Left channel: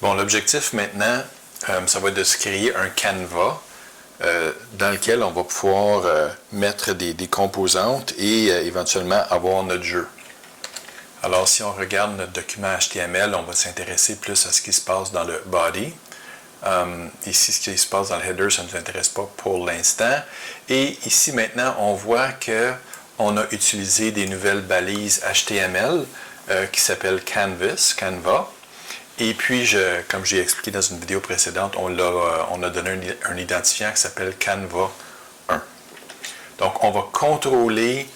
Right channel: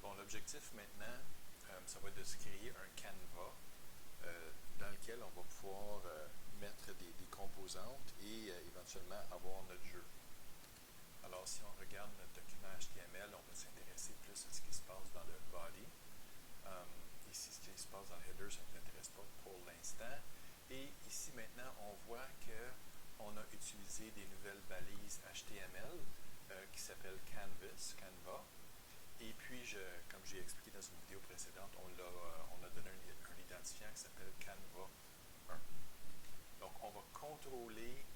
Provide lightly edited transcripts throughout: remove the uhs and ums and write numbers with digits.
Bon, l'objectif maintenant, ça va être de se créer un canevas dans lequel on va pouvoir mettre des composantes et éventuellement avoir notre jeu. Alors, si on regarde notre document HTML, on va s'intéresser plus à ce qui se passe dans le body. Ici, ce qui se passe dans le header, ça ne nous intéresse pas pour l'instant. Et ici, maintenant, on voit qu'on a utilisé des nouvelles balises HTML qui s'appellent Canva. Et puis, comme j'ai expliqué dans une vidéo précédente, on a donné un identifiant qui s'appelle Canva 1. Donc, on va contrôler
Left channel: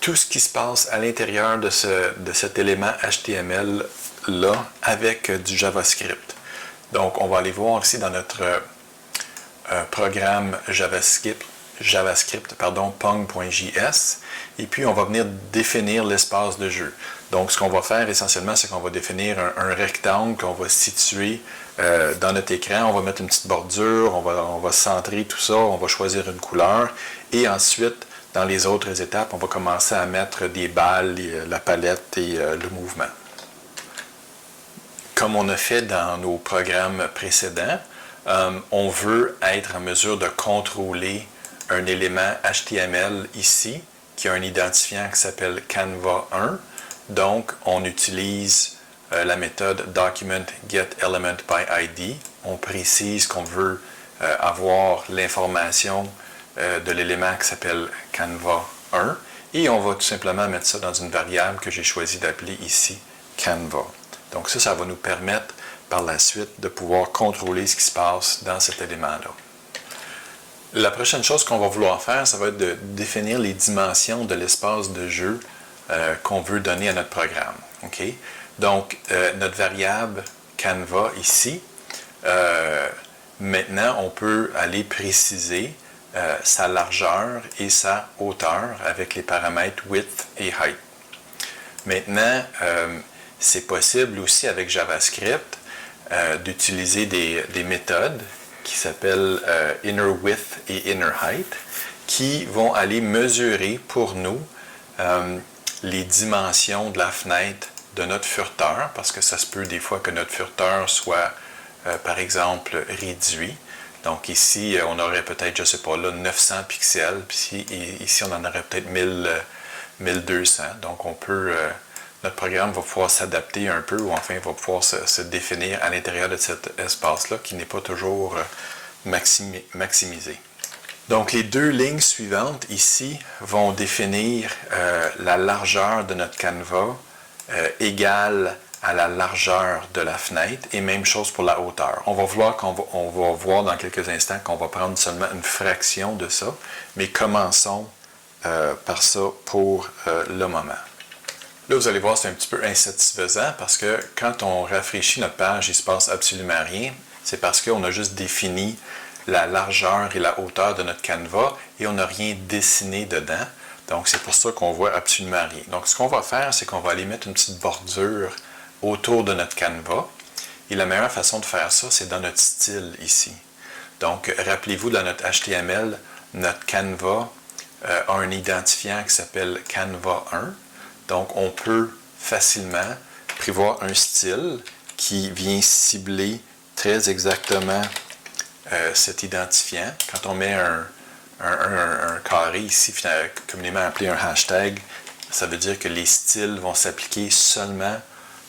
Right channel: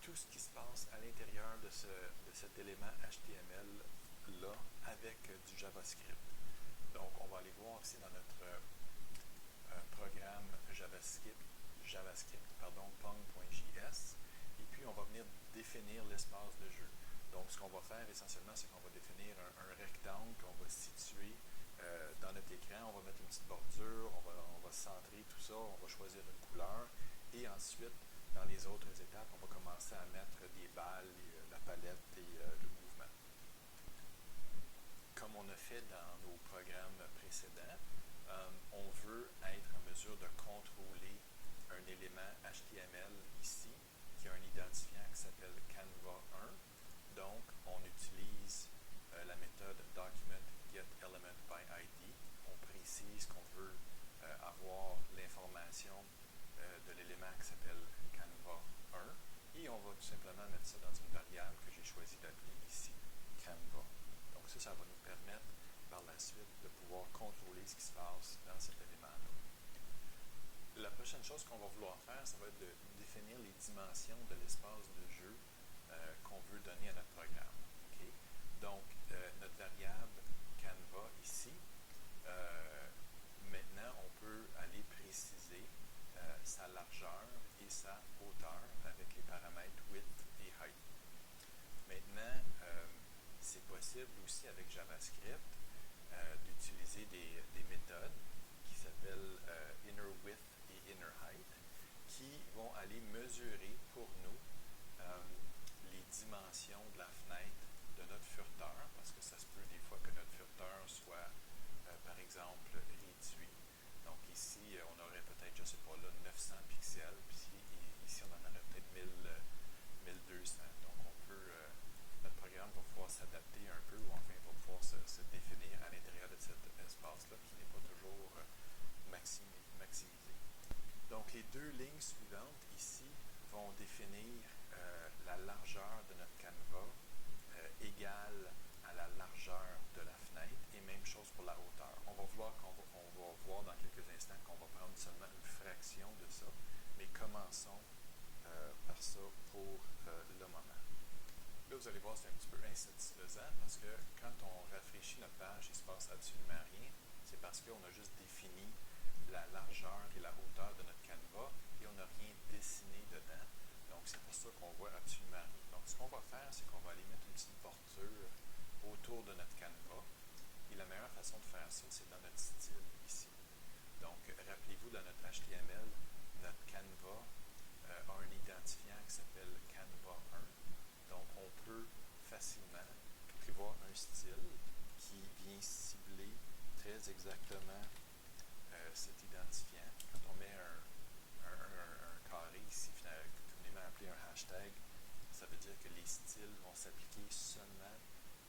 tout ce qui se passe à l'intérieur de cet élément HTML-là avec du JavaScript. Donc, on va aller voir ici dans notre programme JavaScript, pong.js, et puis on va venir définir l'espace de jeu. Donc, ce qu'on va faire essentiellement, c'est qu'on va définir un rectangle qu'on va situer dans notre écran. On va mettre une petite bordure, on va centrer tout ça, on va choisir une couleur, et ensuite, dans les autres étapes, on va commencer à mettre des balles, la palette et le mouvement. Comme on a fait dans nos programmes précédents, on veut être en mesure de contrôler un élément HTML ici, qui a un identifiant qui s'appelle Canva 1. Donc, on utilise la méthode document_getElementById. On précise qu'on veut avoir l'information de l'élément qui s'appelle Canva 1. Et on va tout simplement mettre ça dans une variable que j'ai choisi d'appeler ici Canva. Donc ça va nous permettre par la suite de pouvoir contrôler ce qui se passe dans cet élément-là. La prochaine chose qu'on va vouloir faire, ça va être de définir les dimensions de l'espace de jeu qu'on veut donner à notre programme. Okay? Donc, notre variable Canva ici, maintenant, on peut aller préciser sa largeur et sa hauteur avec les paramètres width et height. Maintenant, c'est possible aussi avec JavaScript d'utiliser des méthodes qui s'appellent inner width et inner height qui vont aller mesurer pour nous les dimensions de la fenêtre de notre furteur, parce que ça se peut des fois que notre furteur soit, par exemple, réduit. Donc ici, on aurait peut-être, je ne sais pas, là, 900 pixels, puis ici, on en aurait peut-être 1200. Donc on peut... notre programme va pouvoir s'adapter un peu, ou enfin va pouvoir se définir à l'intérieur de cet espace-là qui n'est pas toujours maximisé. Donc les deux lignes suivantes ici vont définir la largeur de notre canevas égale à la largeur de la fenêtre, et même chose pour la hauteur. On va voir dans quelques instants qu'on va prendre seulement une fraction de ça, mais commençons par ça pour le moment. Là, vous allez voir, c'est un petit peu insatisfaisant parce que quand on rafraîchit notre page, il ne se passe absolument rien. C'est parce qu'on a juste défini la largeur et la hauteur de notre canevas et on n'a rien dessiné dedans. Donc, c'est pour ça qu'on voit absolument rien. Donc, ce qu'on va faire, c'est qu'on va aller mettre une petite bordure autour de notre canevas. Et la meilleure façon de faire ça, c'est dans notre style ici. Donc, rappelez-vous, dans notre HTML, notre canevas a un identifiant qui s'appelle Canva 1. Donc, on peut facilement prévoir un style qui vient cibler très exactement cet identifiant. Quand on met un carré ici, communément appelé un hashtag, ça veut dire que les styles vont s'appliquer seulement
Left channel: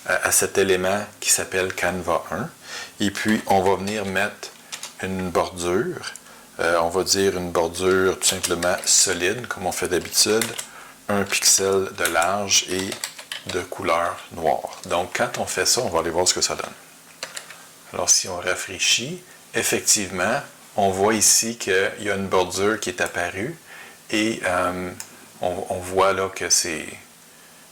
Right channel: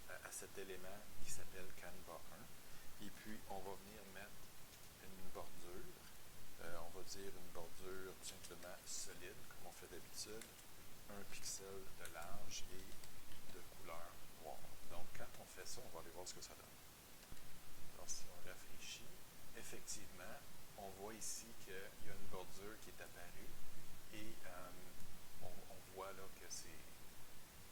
à cet élément qui s'appelle Canva 1. Et puis, on va venir mettre une bordure. On va dire une bordure tout simplement solide, comme on fait d'habitude. 1 pixel de large et de couleur noire. Donc, quand on fait ça, on va aller voir ce que ça donne. Alors, si on rafraîchit, effectivement, on voit ici qu'il y a une bordure qui est apparue et on voit là que c'est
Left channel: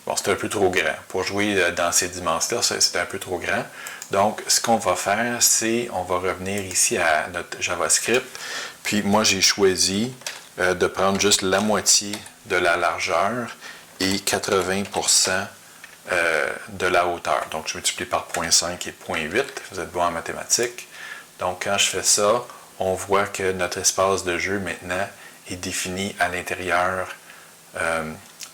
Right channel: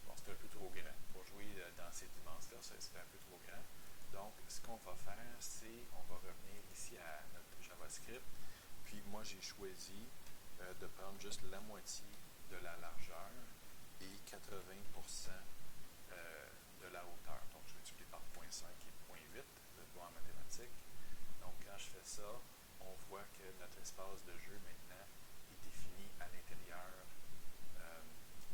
un peu trop grand. Pour jouer dans ces dimensions-là, c'est un peu trop grand. Donc, ce qu'on va faire, c'est on va revenir ici à notre JavaScript. Puis, moi, j'ai choisi de prendre juste la moitié de la largeur et 80% de la hauteur. Donc, je multiplie par 0.5 et 0.8. Vous êtes bon en mathématiques. Donc, quand je fais ça, on voit que notre espace de jeu, maintenant, est défini à l'intérieur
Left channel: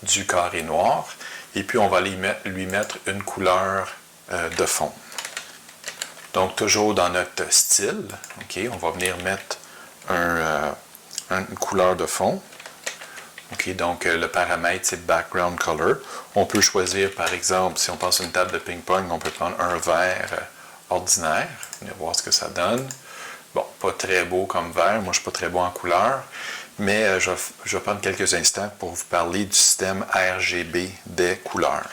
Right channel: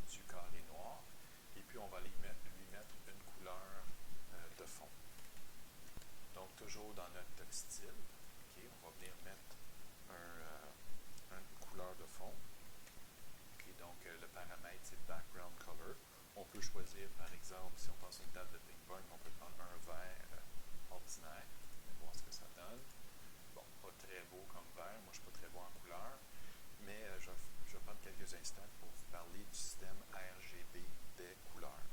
du carré noir. Et puis, on va lui mettre une couleur de fond. Donc, toujours dans notre style, OK, on va venir mettre une couleur de fond. OK, donc le paramètre, c'est Background Color. On peut choisir, par exemple, si on passe une table de ping-pong, on peut prendre un vert ordinaire. On va voir ce que ça donne. Bon, pas très beau comme vert. Moi, je ne suis pas très bon en couleur. Mais je vais prendre quelques instants pour vous parler du système RGB des couleurs.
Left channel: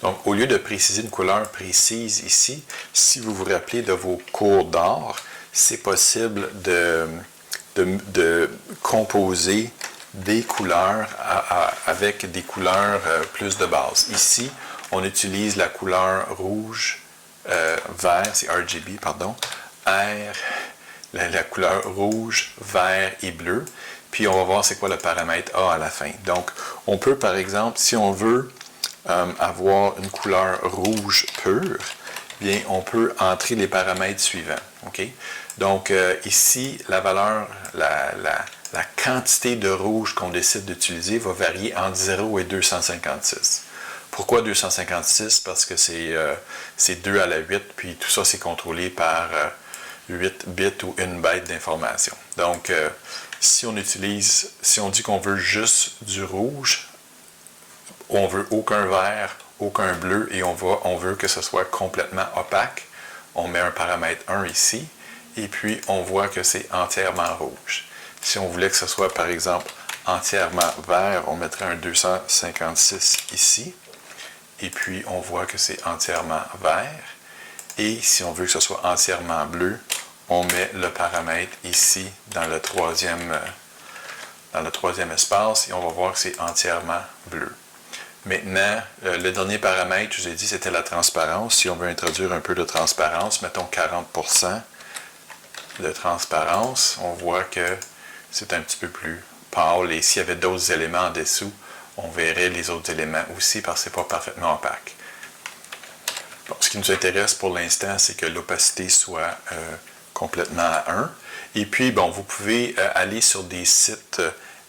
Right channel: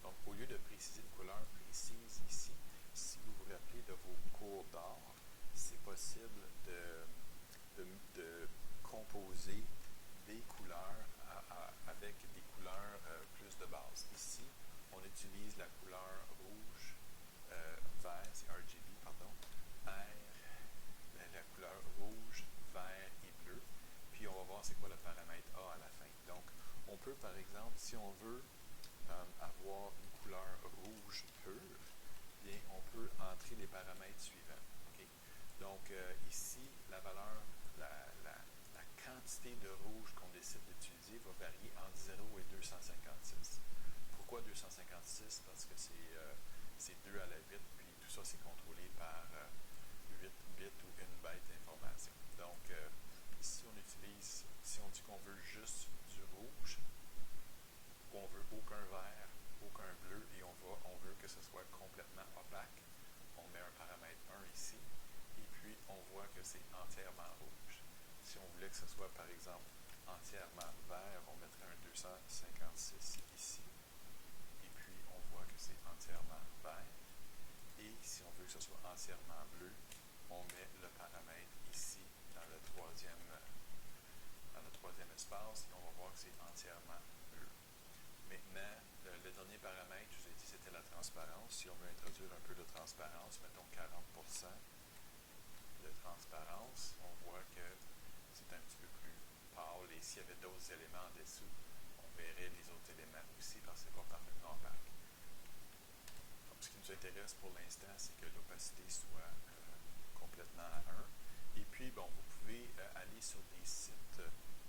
Donc, au lieu de préciser une couleur précise ici, si vous vous rappelez de vos cours d'art, c'est possible de composer des couleurs avec des couleurs plus de base. Ici, on utilise la couleur rouge, vert, c'est RGB, pardon, la couleur rouge, vert et bleu. Puis on va voir c'est quoi le paramètre A à la fin. Donc, on peut par exemple, si on veut avoir une couleur rouge pure, bien, on peut entrer les paramètres suivants. Okay? Donc, ici, la valeur, la quantité de rouge qu'on décide d'utiliser va varier entre 0 et 256. Pourquoi 256? Parce que c'est 2 à la 8, puis tout ça, c'est contrôlé par 8 bits ou une byte d'information. Donc, si on dit qu'on veut juste du rouge, on veut aucun vert, aucun bleu, et on veut que ce soit complètement opaque, on met un paramètre 1 ici, et puis on voit que c'est entièrement rouge. Si on voulait que ce soit, par exemple, entièrement vert, on mettrait un 256 ici, et puis on voit que c'est entièrement vert. Et si on veut que ce soit entièrement bleu, on met le paramètre ici dans le troisième espace, et on va voir que c'est entièrement bleu. Maintenant, le dernier paramètre, je vous ai dit, c'était la transparence. Si on veut introduire un peu de transparence, mettons 40% de transparence, on voit que c'est un petit peu plus pâle. Et s'il y avait d'autres éléments en dessous, on verrait les autres éléments aussi parce que ce n'est pas parfaitement opaque. Bon, ce qui nous intéresse pour l'instant, c'est que l'opacité soit complètement à 1. Et puis, bon, vous pouvez aller sur des sites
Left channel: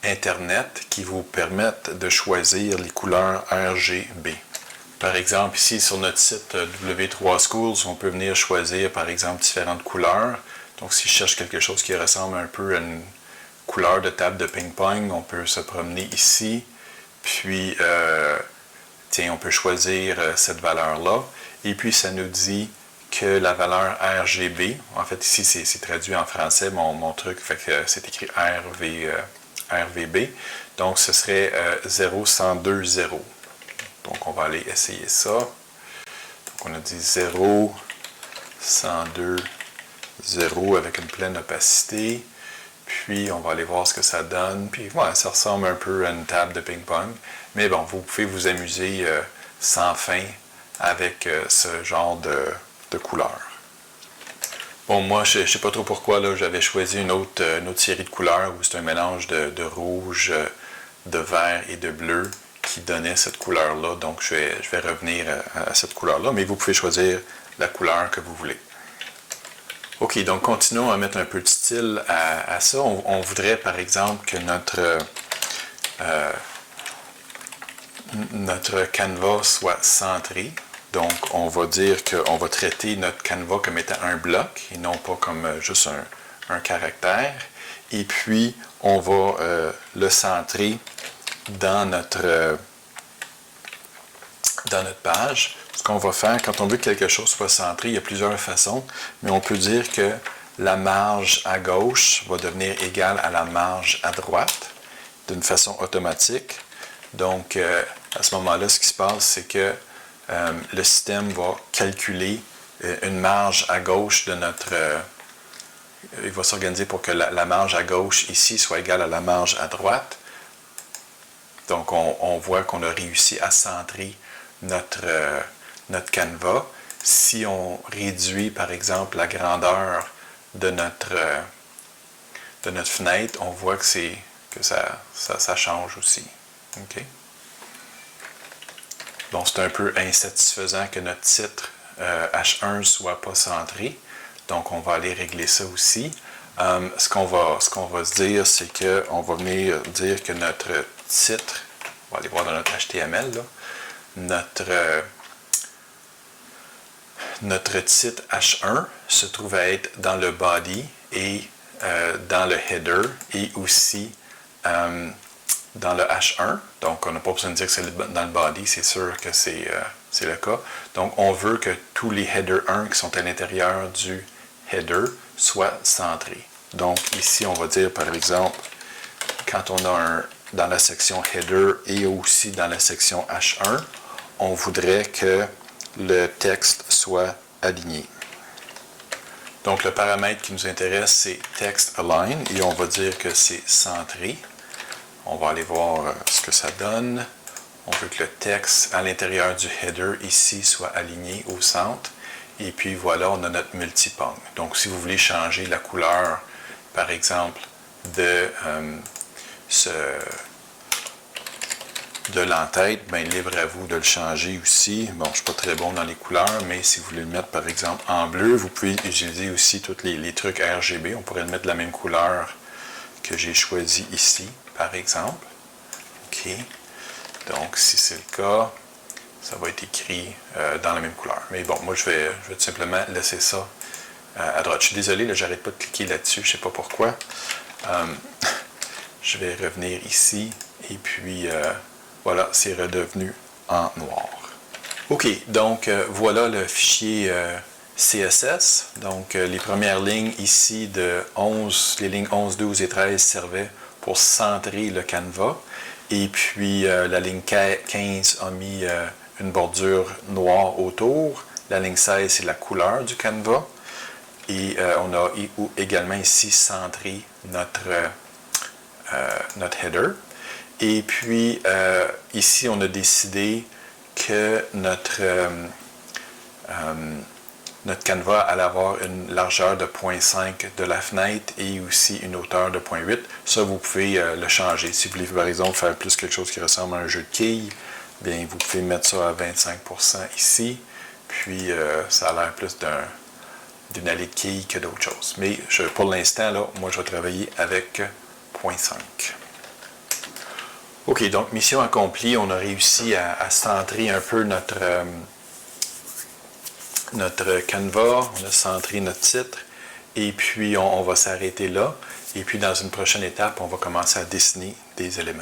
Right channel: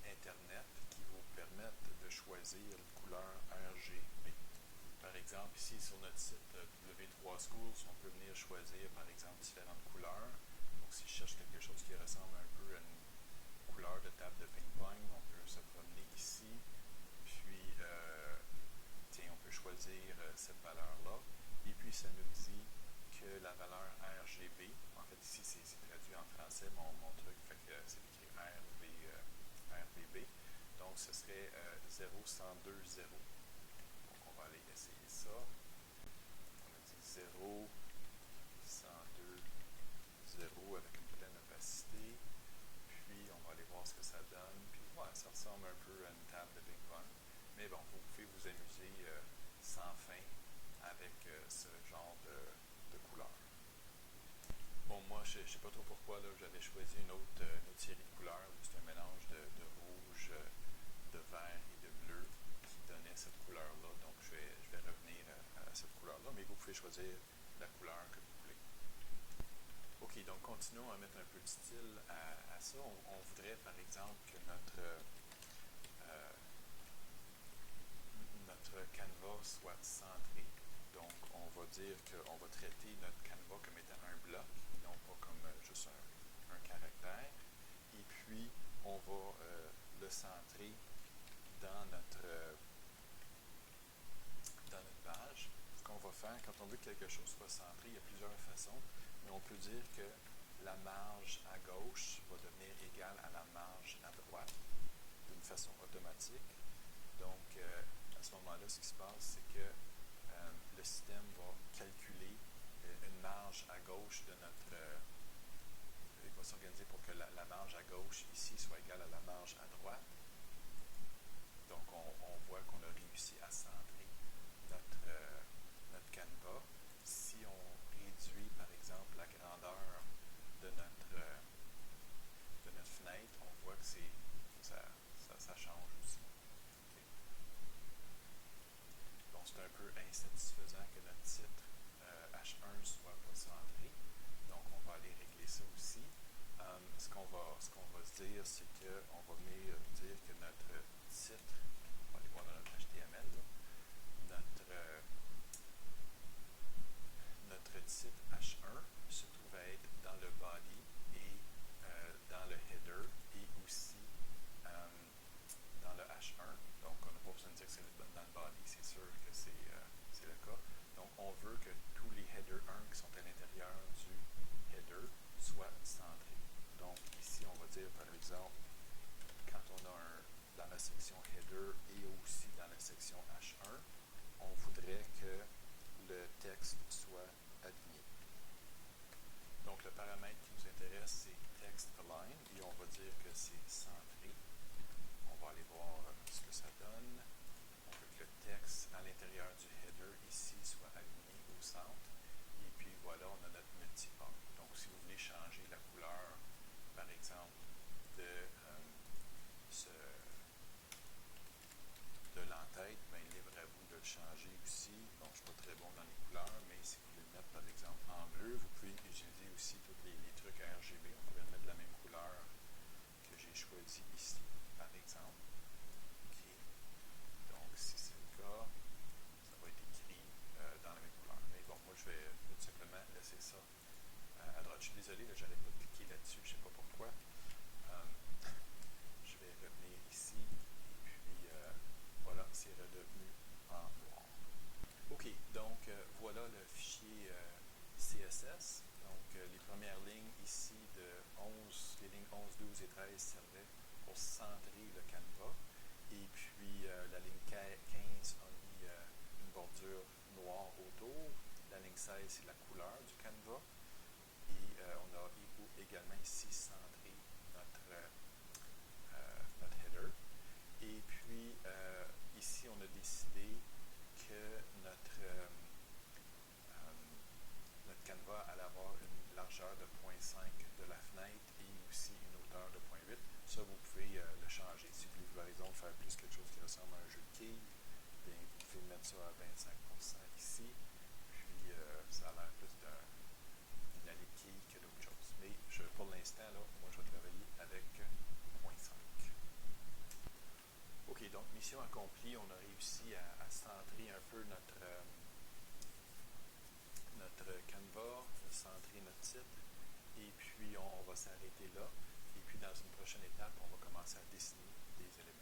Internet qui vous permettent de choisir les couleurs RGB. Par exemple, ici sur notre site W3Schools, on peut venir choisir par exemple différentes couleurs. Donc si je cherche quelque chose qui ressemble un peu à une couleur de table de ping-pong, on peut se promener ici, puis tiens, on peut choisir cette valeur-là. Et puis ça nous dit que la valeur RGB, en fait ici c'est traduit en français, mon truc, fait que c'est écrit RVB, donc ce serait 0120. Donc on va aller essayer ça. Donc on a dit 0, 102, 0 avec une pleine opacité. Puis on va aller voir ce que ça donne. Puis voilà, ça ressemble un peu à une table de ping-pong. Mais bon, vous pouvez vous amuser sans fin avec ce genre de couleurs. Bon, moi, je ne sais pas trop pourquoi, là, j'avais choisi une autre série de couleurs où c'est un mélange de rouge, de vert et de bleu qui donnait cette couleur-là. Donc, je vais revenir à cette couleur-là, mais vous pouvez choisir la couleur que vous voulez. OK, donc continuons à mettre un peu de style à ça. On voudrait, par exemple, que notre canevas soit centré. Donc, on va dire qu'on va traiter notre canevas comme étant un bloc et non pas comme juste un caractère. Et puis, on va le centrer dans notre page. Ce qu'on va faire, quand on veut que quelque chose soit centré, il y a plusieurs façons, mais on peut dire que la marge à gauche va devenir égale à la marge à droite d'une façon automatique. Donc, à ce moment-là, ce qui se passe, c'est que le système va calculer une marge à gauche de notre... il va s'organiser pour que la marge à gauche ici soit égale à la marge à droite. Donc, on voit qu'on a réussi à centrer notre canevas. Si on réduit, par exemple, la grandeur de notre fenêtre, on voit que ça change aussi. Okay? Bon, c'est un peu insatisfaisant que notre titre H1 ne soit pas centré. Donc, on va aller régler ça aussi. Ce qu'on va se dire, c'est qu'on va venir dire que notre titre, on va aller voir dans notre HTML, là, notre titre H1 se trouve à être dans le body et dans le header et aussi dans le H1. Donc, on n'a pas besoin de dire que c'est dans le body, c'est sûr que c'est le cas. Donc, on veut que tous les header 1 qui sont à l'intérieur du header soient centrés. Donc, ici, on va dire, par exemple, quand on a dans la section header et aussi dans la section H1, on voudrait que le texte soit aligné. Donc, le paramètre qui nous intéresse, c'est text align et on va dire que c'est centré. On va aller voir ce que ça donne. On veut que le texte à l'intérieur du header ici soit aligné au centre. Et puis voilà, on a notre multipong. Donc, si vous voulez changer la couleur, par exemple, de l'entête, bien, libre à vous de le changer aussi. Bon, je ne suis pas très bon dans les couleurs, mais si vous voulez le mettre, par exemple, en bleu, vous pouvez utiliser aussi tous les trucs RGB. On pourrait le mettre de la même couleur que j'ai choisi ici, par exemple. OK. Donc, si c'est le cas, ça va être écrit dans la même couleur. Mais bon, moi, je vais tout simplement laisser ça à droite. Je suis désolé, là, j'arrête pas de cliquer là-dessus, je ne sais pas pourquoi. Je vais revenir ici, et puis voilà, c'est redevenu en noir. OK, donc voilà le fichier CSS. Donc, les premières lignes ici de 11, les lignes 11, 12 et 13 servaient pour centrer le canevas. Et puis, la ligne 15 a mis une bordure noire autour. La ligne 16, c'est la couleur du canevas. Et on a également ici centré notre header. Et puis, ici, on a décidé que notre canevas allait avoir une largeur de 0.5 de la fenêtre et aussi une hauteur de 0.8. Ça, vous pouvez le changer. Si vous voulez, par exemple, faire plus quelque chose qui ressemble à un jeu de quilles, bien, vous pouvez mettre ça à 25% ici. Puis, ça a l'air plus d'une allée de quilles que d'autres choses. Mais pour l'instant, là, moi, je vais travailler avec 0.5. OK, donc mission accomplie. On a réussi à centrer un peu notre canevas, on a centré notre titre, et puis on va s'arrêter là. Et puis dans une prochaine étape, on va commencer à dessiner des éléments.